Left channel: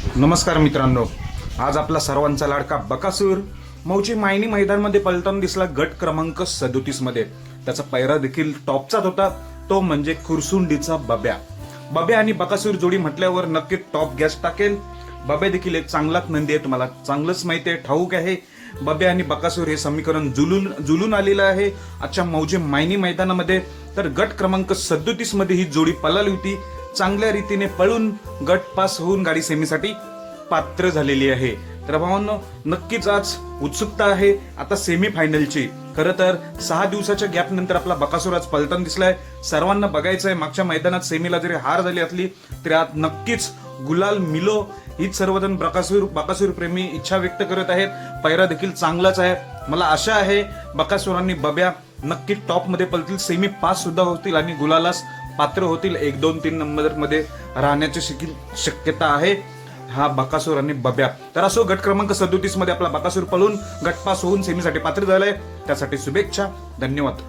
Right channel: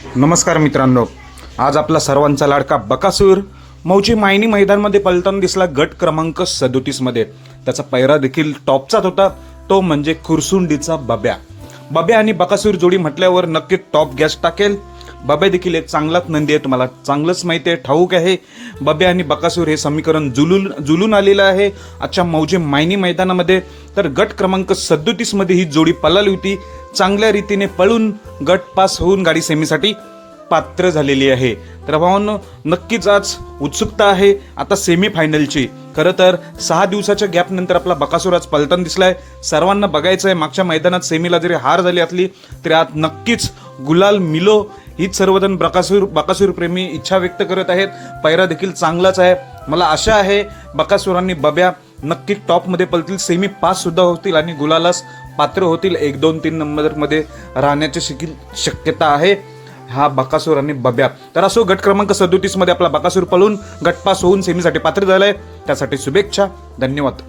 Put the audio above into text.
नमस्कार मित्रांनो. आज आपला सर्वांचा लाडका बकासूर मौची मायनी मैदानमध्ये पलताना दिसला गट क्रमांक सदोतीसमध्ये. त्याचा पैरा देखील टॉपचाच होता. तो म्हणजे खुरसुंडीचा बब्या. बब्या आणि बकासूर जोडी म्हटल्यावर नक्की टॉप गॅस टाकेल. बब्या देखील एक चांगलाच नंदी आहे. तुम्हाला चांगलंच माहिती आहे. ठाऊक आहे. बब्या आणि बकासूर हे समीकरण जुलून जुलून आलेलं आहे. आजच्या मौजे मायनी मैदानामध्ये. तर गट क्रमांक सदोतीसमध्ये ही जोडी पलाली होती. चांगल्या रीतीने पळून गट पास होऊन गाडी सेमीसाठी पात्र झालेली आहे. तर भावांनो नक्कीच आज उत्सुकता आहे आता सेमी फायनलची खरं तर सहा दिवसाच्या गॅप नंतर आपला बकासूर आज पलटण दिसलाय. सर्वांना बघायचं आहे मागच्या मैदानात सेमीला जरी हार झाली असली तरी आज नक्कीच गुलाल मिलो हीच सर्वजण बकासूर बकासूर प्रेमी इच्छा व्यक्त करत आहेत. पैरा देखील चांगलाच आहे. मला आशा आहे बकासुरांनी बब्या नक्की टॉपमध्ये पलतील सेमी पास सुद्धा होतील आणि गुलालास पात्र होतील. एक दोन तीन नंबरमध्ये राहण्याची शिकील शक्यता आहे. हा बकासूर आणि बब्या. तर असो गट क्रमांक सदोतीसमध्ये आपला बकासूर पळून गटपास होऊन सेमीसाठी पात्र झालाय. त्यासाठी शुभेच्छा. धन्यवाद.